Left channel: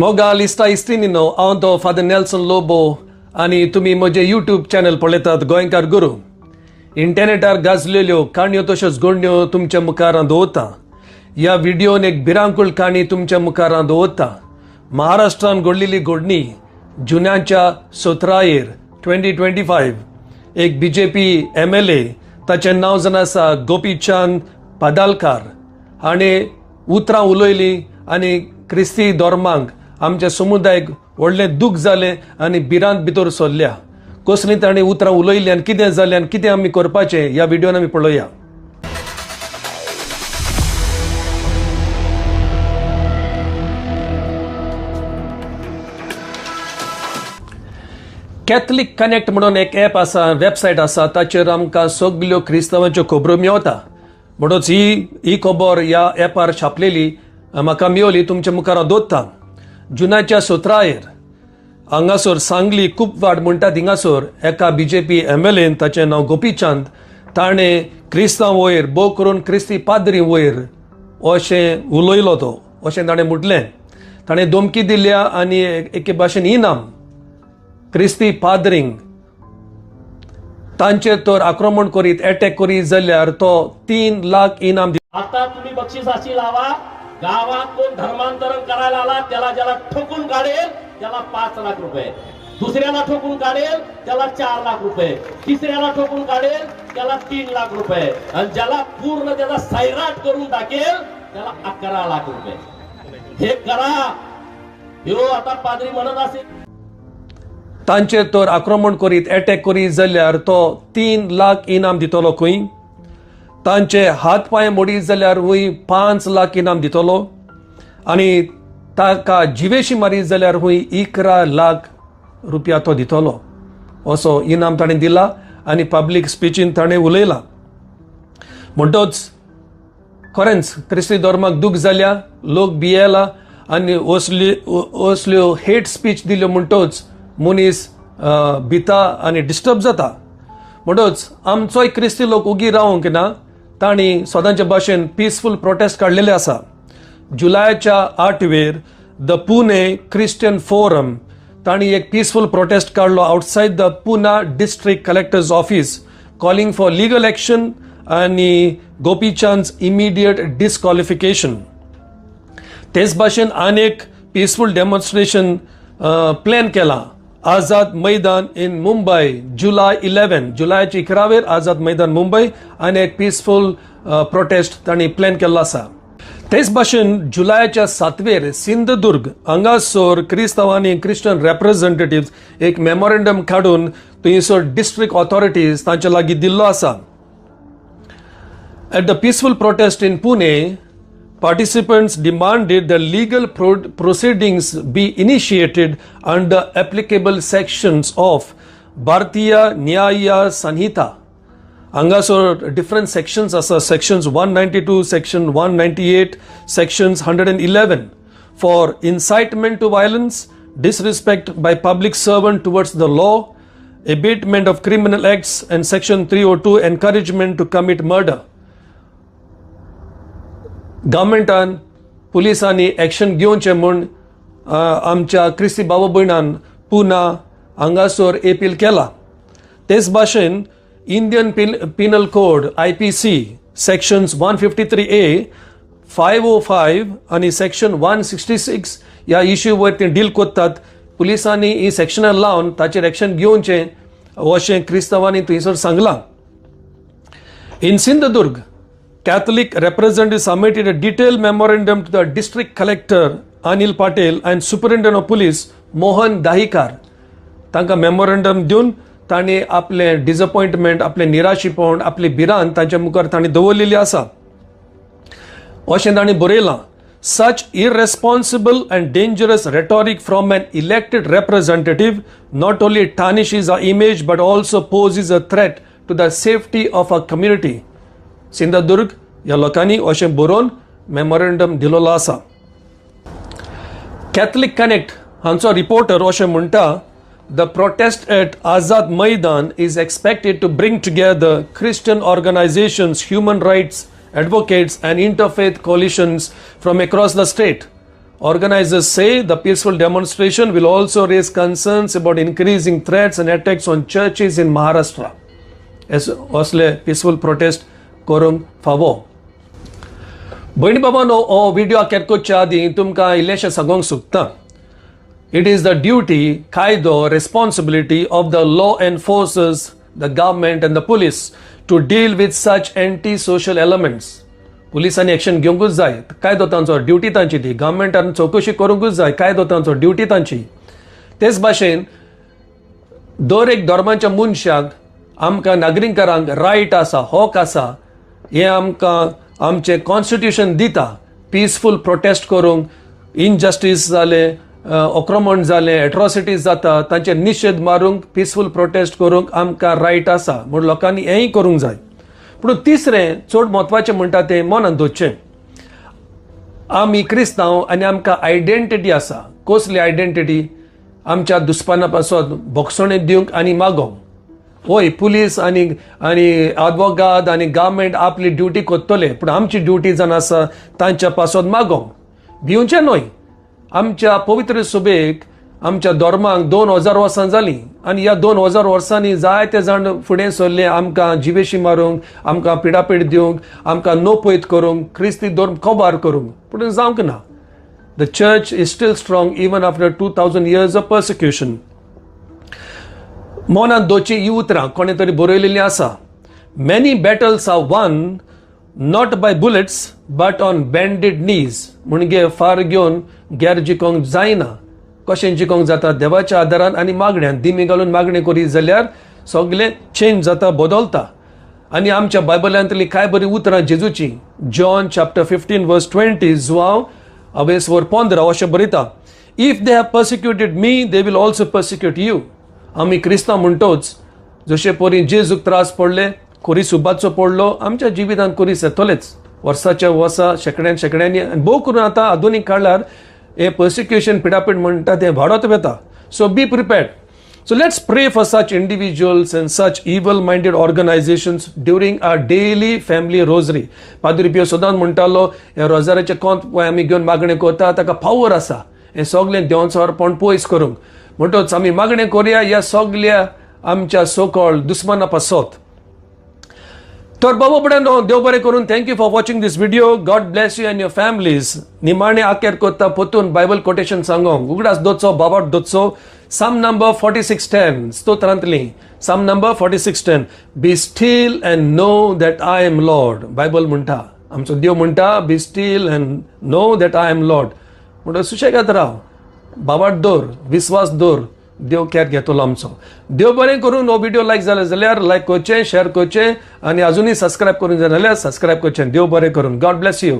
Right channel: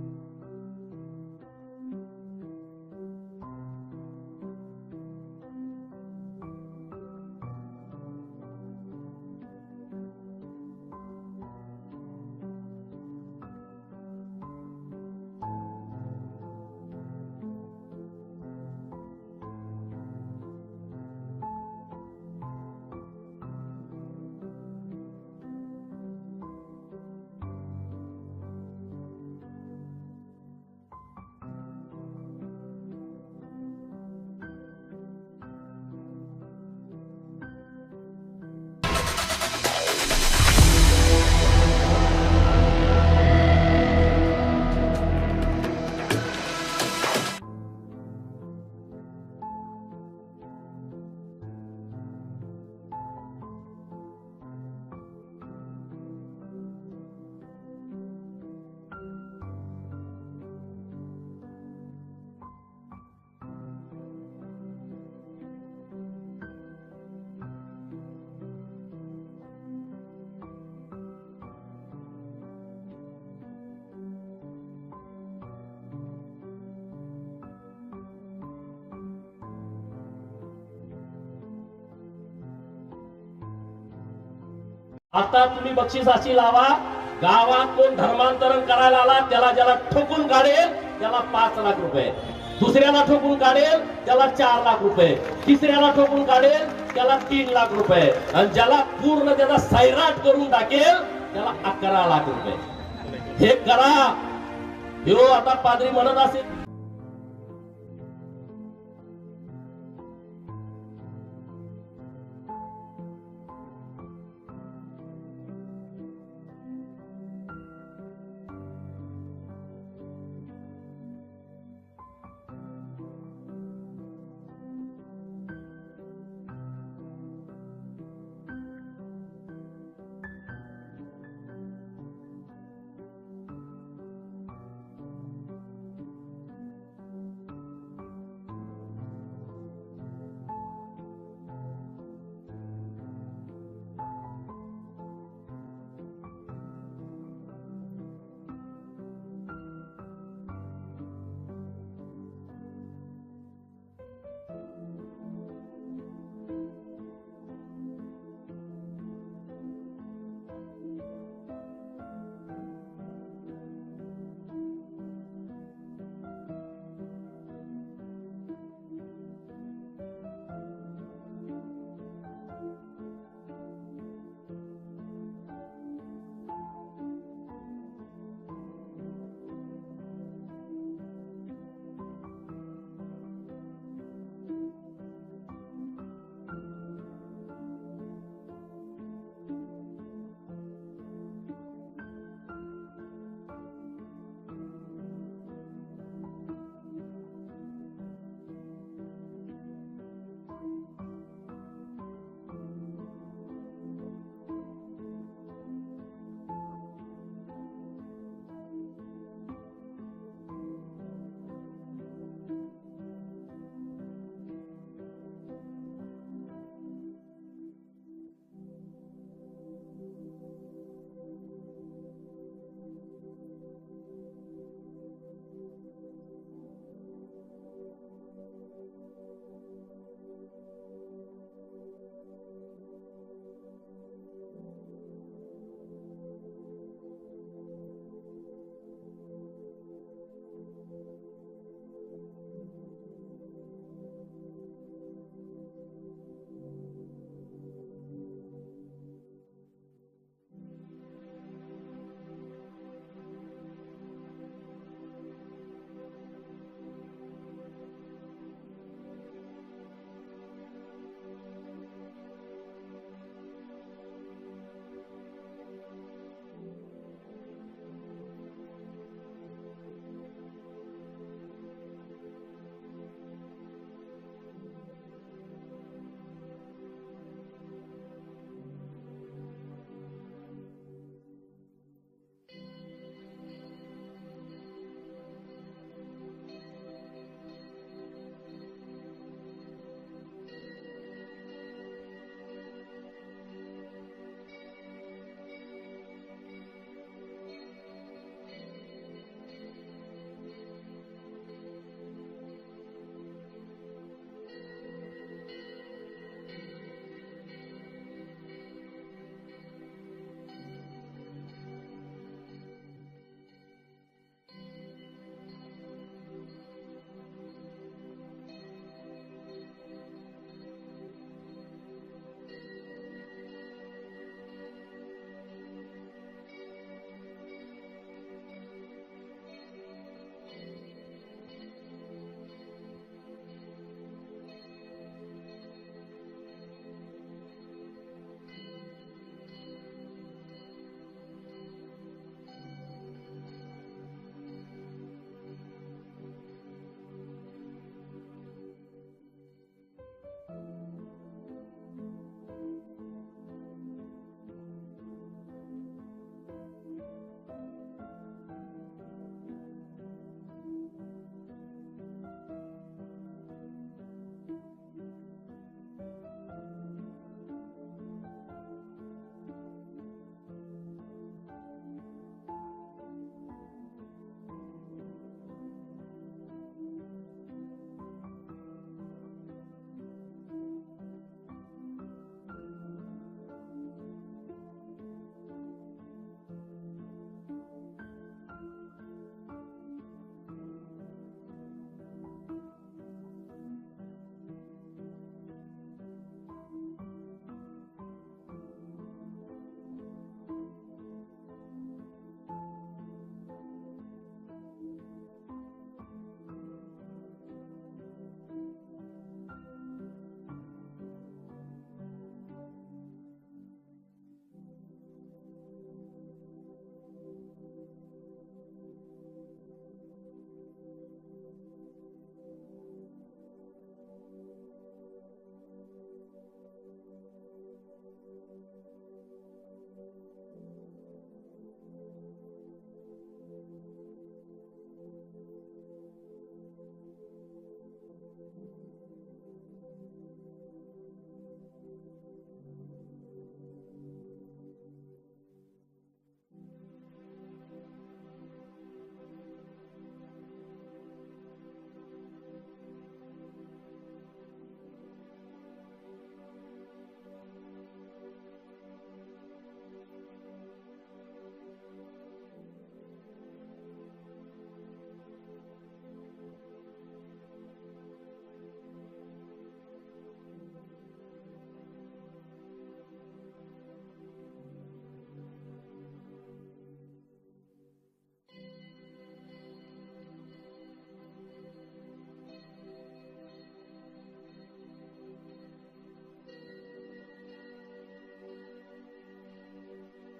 मोगा लिस्टा इस्तीनिनो हांव तो father Nelson Lobo आनी तुमी म्हजे यूट्यूब चॅनल पळयतात गोंयकार गुरू. इंटरनेटार गाजलेल्यो काणयो तश्योच घडण्यो तुमच्या मुखार दवरता. ह्या व्हिडिओन एक भिरांकूळ काणी तुमच्या मुखार दवरता. महाराष्ट्रान घडलेली घडणी जुन्याच्या 17 2025 एक बीजेपी MLA ताचें नांव जावन आसा गोपीचंद पादालकार हाणें उतरां उलयलीं आनी क्रिस्ती धर्मांक आमच्या समुदायाक व्हडलें दूख जालें आनी भिरांत भितर सरल्या. कसलीं ताणें उतरां उलयलीं आनी कितें जालें आनी कितें आमी करपाचें ह्या व्हिडिओन आमी पळोवया. कॅथलिक कनेक्ट म्हणून एक ॲप आसा, वेबसायट आसा, ताचेर आमकां सगल्यो क्रिस्तांवांच्यो खबरो मेळटा. म्हणूनच ही खबर ह्या ॲपार छापलेली म्हाका मेळ्ळी, तुमच्या मुखार दवरता. जुनाच्या 17 हांगासर सांगली कुपवाड म्हणटात हिंगासर एका बीजेपी MLAन ताचें नांव गोपीचंद ताणें क्रिस्तांव वयर भोव करून क्रिस्ती पाद्री वयर अशें उलयलो तो, अशें ताणें म्हटलें. ताणें धमकी दिल्या आनी एके भाशेन इनाम क्रिस्ती पाद्रींक तांचेर तर आक्रमण करीत अटॅक करीत जाल्यार तो 3 लाख इनाम आता तुम्ही बक्षिसाची लावा. गावात कोण धर्मांतरण करायला आला त्याला ज्याला ठोकून काढेल त्याला 5 लाख रुपये, दुसऱ्याला ठोकून काढेल त्याला 4 लाख रुपये, तिसऱ्याला ठोकून काढेल त्याला 3 लाख रुपये आणि ज्याला पूर्ण त्याचा सैराट करून टाकेल त्याला 11 लाख रुपये. हे करा. ह्यो आता पाद्री म्हणत असेल तांचेर तर आक्रमण करीत अटॅक करीत जाल्यार तो 3 लाख इनाम दितलो खंय. तांचे हात पांय मोडीत जाल्यार वय 5 लाख इनाम दितलो आनी ताका जिवेशी मारीत जाल्यार वय 11 लाख रुपया तो दितलो. असो इनाम ताणें दिला आनी पब्लीक स्पिचीन ताणें उलयला. म्हणटच खरेंच क्रिस्ती धर्माक दूख जाल्या, लोक भियेला आनी असल्यो हेट स्पीच दिल्यो म्हणटच मनीस भिता आनी डिस्टर्ब जाता. म्हणटच आमचोय क्रिस्ती लोक उगी रावंक ना. तांणी स्वतांच्या भाशेन पीसफूल प्रोटेस्ट काडलेले आसा. जुलायाच्या 8 द पुणे क्रिश्चियन फोरम तांणी एक पीसफूल प्रोटेस्ट काडलो outside the Poona district collector's office calling for legal action आनी गोपीचंद इमिडिएट डिस्क्वॉलिफिकेशन. तेच भाशेन आनीक पीसफूल डेमॉन्स्ट्रेशन प्लॅन केला. आझाद मैदान इन मुंबई जुलाय 11 जुलायाची 11 आझाद मैदान मुंबई आनी एक पीसफूल प्रोटेस्ट तांणी प्लॅन केल्लो आसा. तेच भाशेन जुलायाच्या 7 सिंधुदुर्ग हांगासर क्रिस्तांवांनी क्रिश्चन रिप्रेझेंटेटिव्ह एक मेमोरेंडम काडून थंयसर डिस्ट्रिक्ट ऑथॉरिटीज तांच्या लागीं दिल्लो आसा. At the peaceful protest in Pune, participants demanded the legal proceedings be initiated under applicable sections of Bharatiya Nyaya Sanhita. Hangasor different sections asa, sections 192, section 198, sections 111 for incitement to violence, disrespect by public servant towards the law, abatement of criminal acts, and section 302 encouragement to commit murder. गव्हर्मेंटान पुलिसांनी action घेवचें म्हूण आमच्या क्रिस्ती भाव भयणान पुना हांगासर appeal केला. तेच भाशेन Indian Pinal code IPC sections 153A 505 आनी सेक्शन 166 ह्या इश्यू वयर ते डील करतात. पुलिसांनी ही सेक्शनां लावन ताचेर एक्शन घेवचें अशें क्रिस्तांवांनी थंयसर सांगलां. In Sindhudurg, Catholic representatives submitted a detailed memorandum to the district collector Anil Patel and superintendent of police Mohan Dahikar. तांकां मेमोरेंडम दिवन तांणी आपले डिसअपॉइंटमेंट, आपले निराशीपण, आपली भिरांत तांच्या मुखार तांणी दवरलेली आसा. अशें तांणी बरयलां. Such irresponsible and dangerous rhetoric from an elected representative not only tarnishes our image but also poses a threat to the safety of our community. Sindhudurg ह्या लोकांनी अशें बरोवन मेमोरेंडम दिलोलो आसा. कॅथलिक कनेक्ट हांचो रिपोर्टर अशें म्हणटा, the prostate at Azad Maidan is expected to bring together Christian organisations, human rights advocates and interfaith coalitions from across the state. Organizers say the peaceful demonstration will also raise concerns about increasing threats and attacks on churches in Maharashtra. असले peaceful protest करूंक फावो. भयणी बाबांनो, हो video केरकोच्या आदी तुमकां इल्लेशें सांगूंक सोदतां. It is the duty, कायदो, responsibility of the law enforcers, the government and the police to deal with such anti-social elements. पुलिसांनी एक्शन घेवंकूच जाय. कायदो तांचो, ड्युटी तांची ती. गव्हर्मेंटान चवकशी करूंकूच जाय. कायदो तांचो, ड्युटी तांची. तेच भाशेन दर एक धर्माच्या मनशाक, आमकां नागरिकांक रायट आसा, हक आसा, हे आमकां आमचें कॉन्स्टिट्यूशन दिता. पीसफूल प्रोटेस्ट करूंक, इनजस्टीस जाले, आक्रमण जाले, एट्रॉसिटीज जाता, तांचे निशेध मारूंक, पीसफूल प्रोटेस्ट करूंक आमकां रायट आसा. म्हूण लोकांनी हेंय करूंक जाय. पूण तिसरें चड म्हत्वाचें म्हणटा तें मनांत दवरचें. आमी क्रिस्तांव आनी आमकां आयडेंटिटी आसा. कसली आयडेंटिटी? आमच्या दुस्माना पासून बोगसणें दिवंक आनी मागोवंक. होय, पुलीस आनी आदवोगाद आनी गव्हर्मेंट आपली ड्युटी कोत्तले, पूण आमची ड्युटी जावन आसा तांच्या पासून मागोवंक. भिवचें न्हय. आमच्या पवित्र सुबेक, आमच्या धर्मांक 2000 वर्सां जालीं आनी ह्या 2000 वर्सांनी जायते जाण फुडें सरले आमकां जिवेशी मारूंक, आमकां पिडापीड दिवंक, आमकां नोपयत करूंक, क्रिस्ती धर्म कोबार करूंक. पूण जावंक ना. The church is steel strong even after 2000 years of persecution. मनांत दवरची ही उतरां कोणे तरी बरयलेलीं आसा. Many battles are won not by bullets but on bended knees. म्हणजे फार घेवन घेर जिकोंक जायना. कशें जिकोंक जाता? देवाच्या आदारान आनी मागण्यांत. दिमी घालून मागणी करी जाल्यार सगळें चेंज जाता, बदलता. आनी आमच्या बायबलांतली कांय बरी उतरां जेजूची. जॉन chapter 15 verse 20 जुआंव 15 अशें बरयता. If they have persecuted me they will also persecute you. आमी क्रिस्तांव म्हणटोच जशे परी जेजूक त्रास पडले, कोरी सुबाचो पडलो, आमच्या जिवितांत कोरीस येतलेच. वर्साच्या वर्सा शेकड्यांनी आनी भोव करून आतां आधुनीक काळार हे पर्सिक्युशन, पिडापीड म्हणटा तें वाडत वेता. So be prepared. So let's pray for such individuals and such evil-minded organizations during our daily family rosary. Padre Pio सदांच म्हणटालो, हे रोजाराचे कोंत पळय आमी घेवन मागणें करता, ताका पावर आसा हें सगळें देवाचो अर्पण पयस करूंक. म्हणटच आमी मागणें करुया ह्या सगळ्या आमच्या सो-कॉल्ड दुस्माना पासत. तर बाबा बड्यानो, देव बरें करून. Thank you for watching this video. God bless you and your families. निमाणें आखेर कोत्ता पोतून बायबल कोटेशन सांगोंक. उगडास दोचो, बाबाट दोचो. Psalm number 46:10 स्तोत्रांतली. Psalm number 46:10. Be still and know that I am Lord. Bible म्हणटा, आमचो देव म्हणटा, be still and know that I am Lord. म्हणटा सुशेगाद राव, बाबाट दवर, विस्वास दवर, देव कॅर घेतलो आमचो. देव बरें करून. हो व्हिडिओ लायक जालो जाल्यार लायक करचें, शेअर करचें आनी अजुनूय सबस्क्रायब करून जाल्यार सबस्क्रायब करचें. देव बरें करून. God bless you.